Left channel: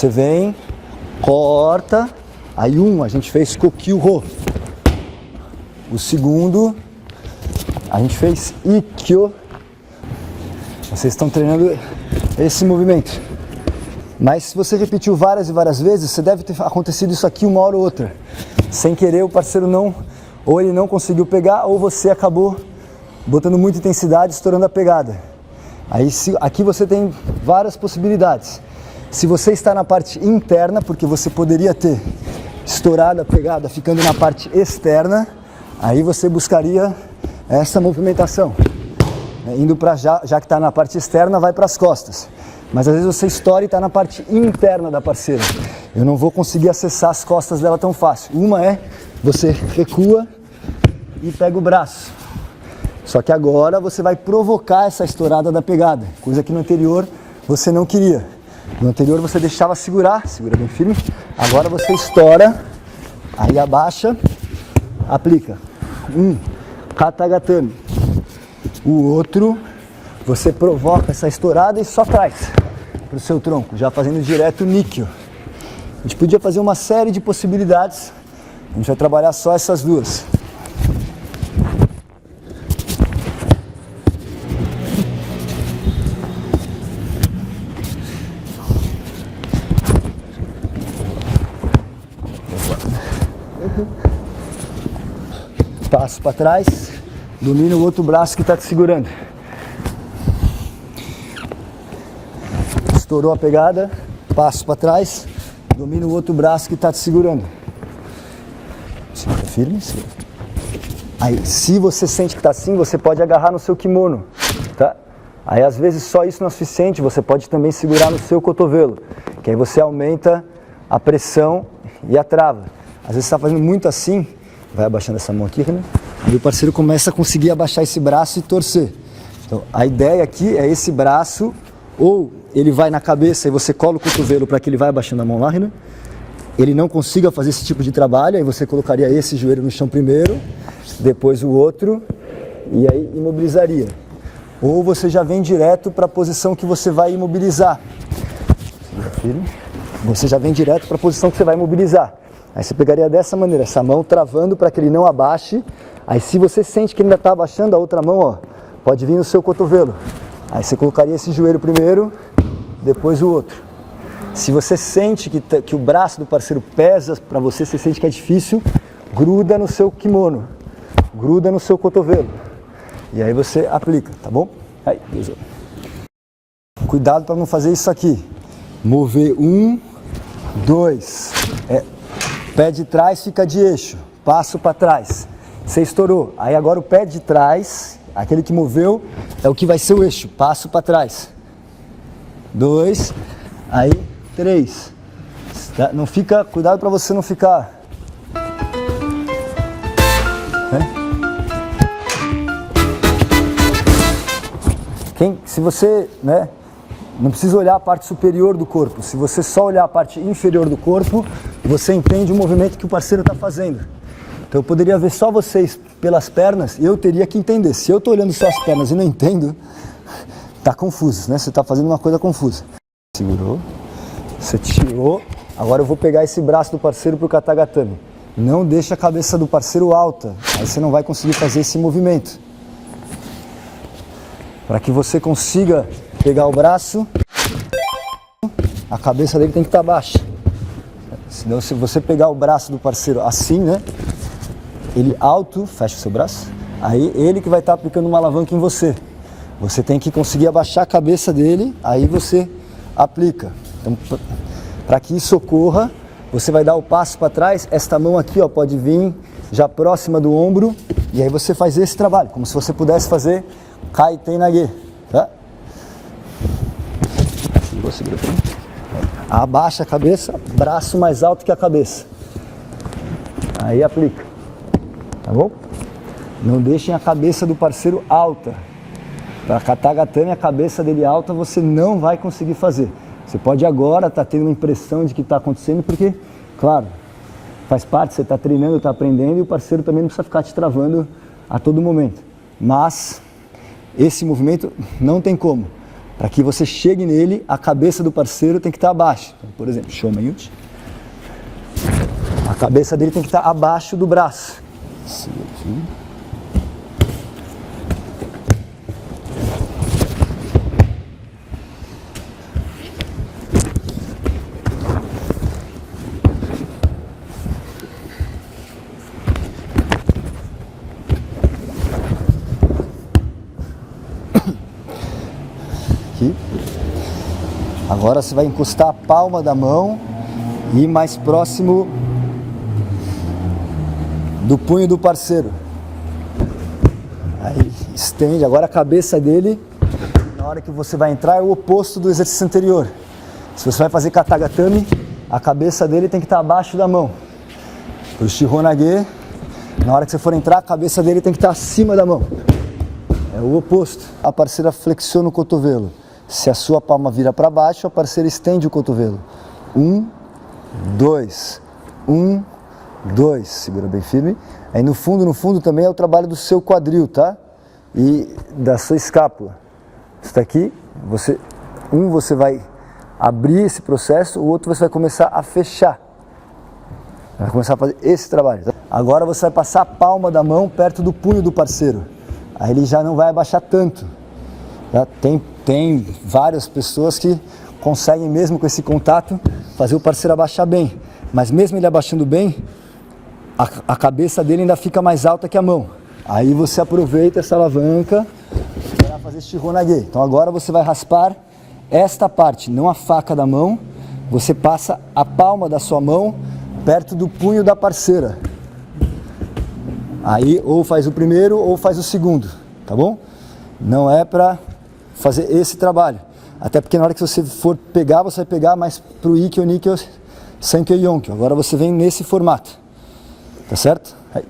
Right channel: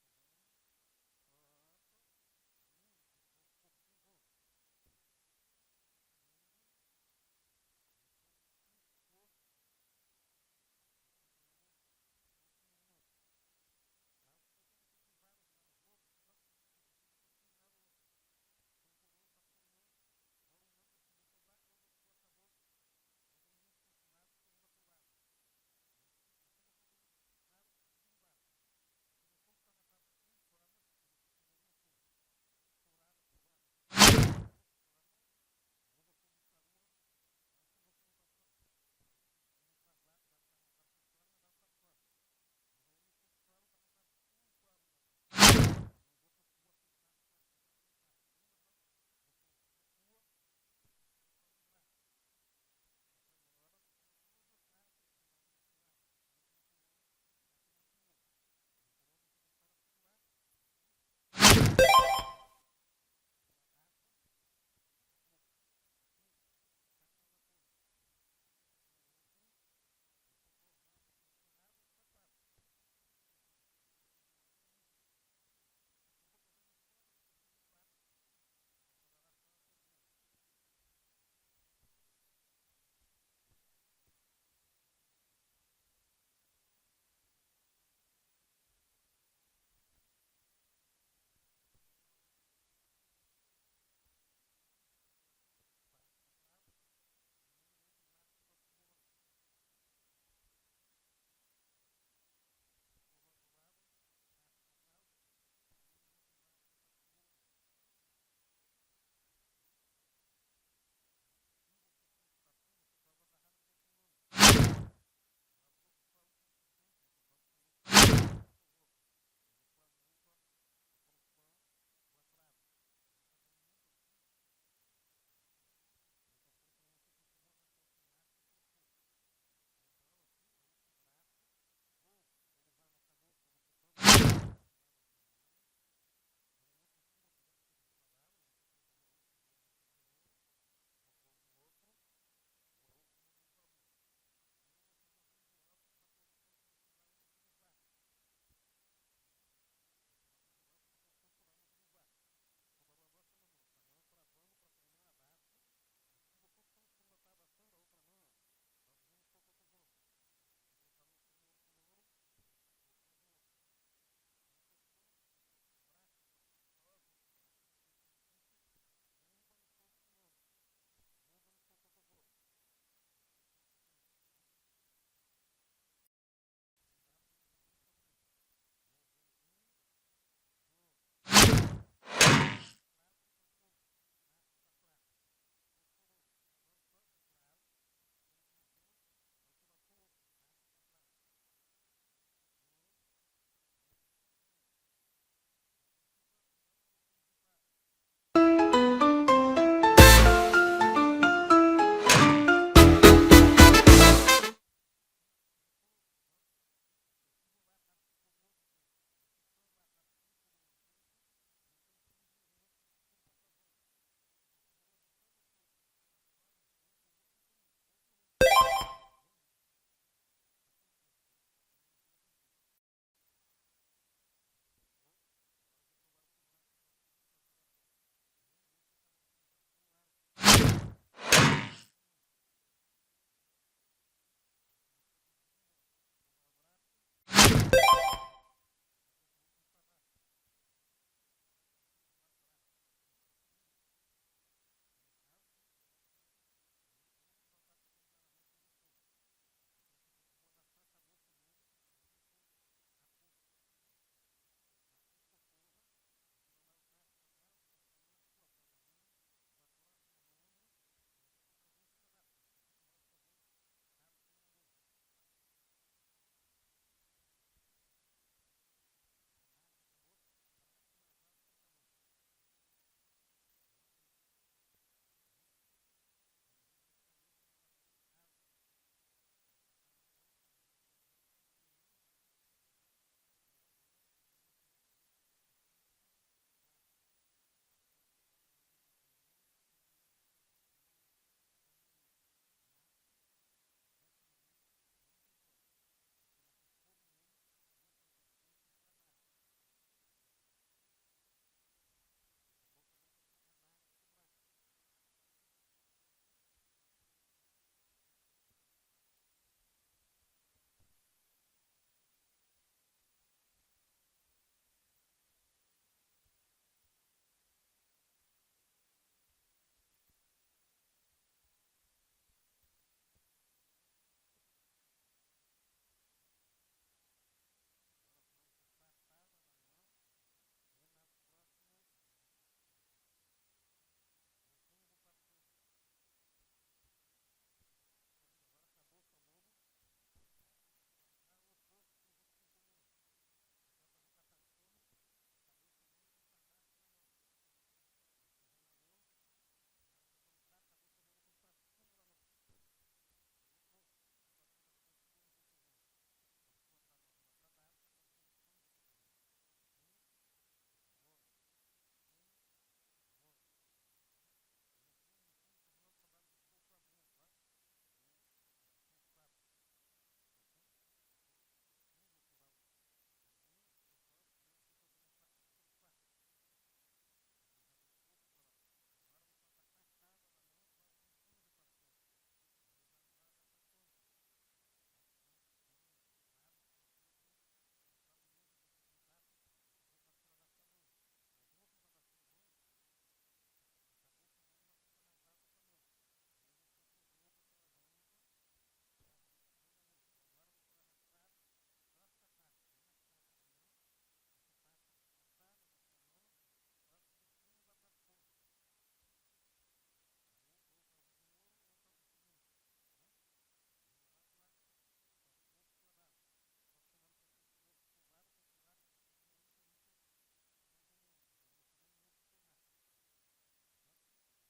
você vem, corta, aí a gente fez kokyu-ro. O segundo, a gente fez ikkyo. Vocês estão treinando esse movimento. Mas se você repetiu várias e várias vezes, você deve ter acontecido isso aqui uma hora ou outra. Sem querer, o parceiro ou ele não conseguiu pegar, ou você acabou botando muita intensidade, estourando a pegada. Aí aqui você tem várias possibilidades. Se você está na parte interna, porque você poderia ter estourado a pegada ficando na parte externa, aí você buscaria essa movimentação. Indo para já que está na parte externa, vai para as costas. Mas às vezes você estoura e está na parte interna da parceira. Eu não vou conseguir acessar as costas dela tão fácil. Uma é, você recua e pega o braço. Só que agora você vai provocar essa estourada da pegada, coisa que no anterior você não queria. No anterior você deixava segura bem firme. Agora você estoura, aí abaixa, aplica. Katagatame. O outro, você provoca essa estourada e só traz para o seu tronco, já fazendo direto o Nikkyo. A gente podia fazer uma série de possibilidades, a gente vai trabalhar só essas duas. Passo para trás, domina o outro braço que está te segurando. Estourou a pegada, passo para trás, domina o outro braço que está te segurando. Segura firme, segura. Aí, se você sente que está assim, você pode agarrar no seu kimono, tá? Aí, às vezes, só isso não é suficiente, você pode também segurar no seu cotovelo, que aí você aumenta a pressão e a trava. Às vezes, você está fazendo muito assim, vai abaixando essa mão aqui, né? Aí o parceiro começa a conseguir abaixar esse braço e torcer. Então, a ideia aqui é esse braço, ou ele vai na cabeça e você cola o cotovelo para que ele vai abaixando a mão lá, né? Ele não consiga fazer esse tipo de trabalho, aí você colocaria esse joelho no chão primeiro, depois o outro, e aí imobilizaria. Ou você já vem direto para a posição que você vai imobilizar. Você já vem direto para a posição que você vai imobilizar. Aí você pegaria dessa maneira, essa mão travando para que ele não abaixe. Aí se você sente que ele ainda está abaixando, a outra mão, ó, pode vir no seu cotovelo. Aí você colocaria esse joelho primeiro, depois o outro. Se você sente que o braço do parceiro pesa para você, você sente que é difícil, gruda no seu kimono, gruda no seu cotovelo. E aí você aplica, tá bom? Aí, cuidado para não fazer isso aqui. Mover 1, 2, pé de trás fica de eixo, passo para trás. Você estourou. Aí agora o pé de trás, aquele que moveu, é o que vai ser o eixo, passo para trás. 2, aí 3. Não fica, cuidado para você não ficar. Se você, não precisa olhar a parte superior do corpo. Se você só olhar a parte inferior do corpo, você entende o movimento que o parceiro está fazendo. Então eu poderia ver só vocês pelas pernas e eu teria que entender. Se eu estou olhando só as pernas e não entendo, está confuso, né? Você está fazendo uma coisa confusa. Segurou, você tirou. Agora eu vou pegar esse braço do parceiro para o Katagatame. Não deixa a cabeça do parceiro alta, aí você não vai conseguir fazer esse movimento. Para que você consiga pegar o braço, a cabeça dele tem que estar baixa. Senão, se você pegar o braço do parceiro assim, né? Ele alto, fecha o seu braço, aí ele que vai estar aplicando uma alavanca em você. Você tem que conseguir abaixar a cabeça dele, aí você aplica. Então, para que isso ocorra, você vai dar o passo para trás, esta mão aqui, ó, pode vir já próxima do ombro, e aí você faz esse trabalho, como se você pudesse fazer Kaiten Nage, tá? Segura. Abaixa a cabeça, braço mais alto que a cabeça. Aí aplica, tá bom? Não deixem a cabeça do parceiro alta. Para Katagatame, a cabeça dele alta, você não vai conseguir fazer. Você pode agora estar tendo uma impressão de que está acontecendo, porque, claro, faz parte, você está treinando, está aprendendo, e o parceiro também não precisa ficar te travando a todo momento. Mas esse movimento não tem como. Para que você chegue nele, a cabeça do parceiro tem que estar abaixo. Então, por exemplo, Shomayut. A cabeça dele tem que estar abaixo do braço. Aqui. Agora você vai encostar a palma da mão e ir mais próximo do punho do parceiro. Aí estende, agora a cabeça dele, na hora que você vai entrar, é o oposto do exercício anterior. Se você vai fazer katagatame, a cabeça dele tem que estar abaixo da mão. Para o shihonage, na hora que você for entrar, a cabeça dele tem que estar acima da mão. É o oposto. A parceira flexiona o cotovelo. Se a sua palma vira para baixo, a parceira estende o cotovelo. 1, 2, 1, 2. Segura bem firme. Aí no fundo também é o trabalho do seu quadril, tá? E da sua escápula. Está aqui, você vai abrir esse processo, o outro você vai começar a fechar. Vai começar a fazer esse trabalho. Tá? Agora você vai passar a palma da mão perto do punho do parceiro. Aí ele já não vai abaixar tanto. Tá? Tem várias pessoas que conseguem, mesmo com esse contato, fazer o parceiro abaixar bem. Mas mesmo ele abaixando bem, a cabeça dele ainda fica mais alta que a mão. Aí você aproveita essa alavanca para fazer shihonage. Então agora você vai raspar esta parte, não a faca da mão. Você passa a palma da sua mão perto do punho da parceira. Aí ou faz o primeiro ou faz o segundo, tá bom? Não é para fazer esse trabalho. Até porque na hora que você for pegar, você vai pegar mais pro Ikkyo, Nikkyo, Senkyo e Yonkyo. Agora você vem nesse formato. Tá certo? Aí,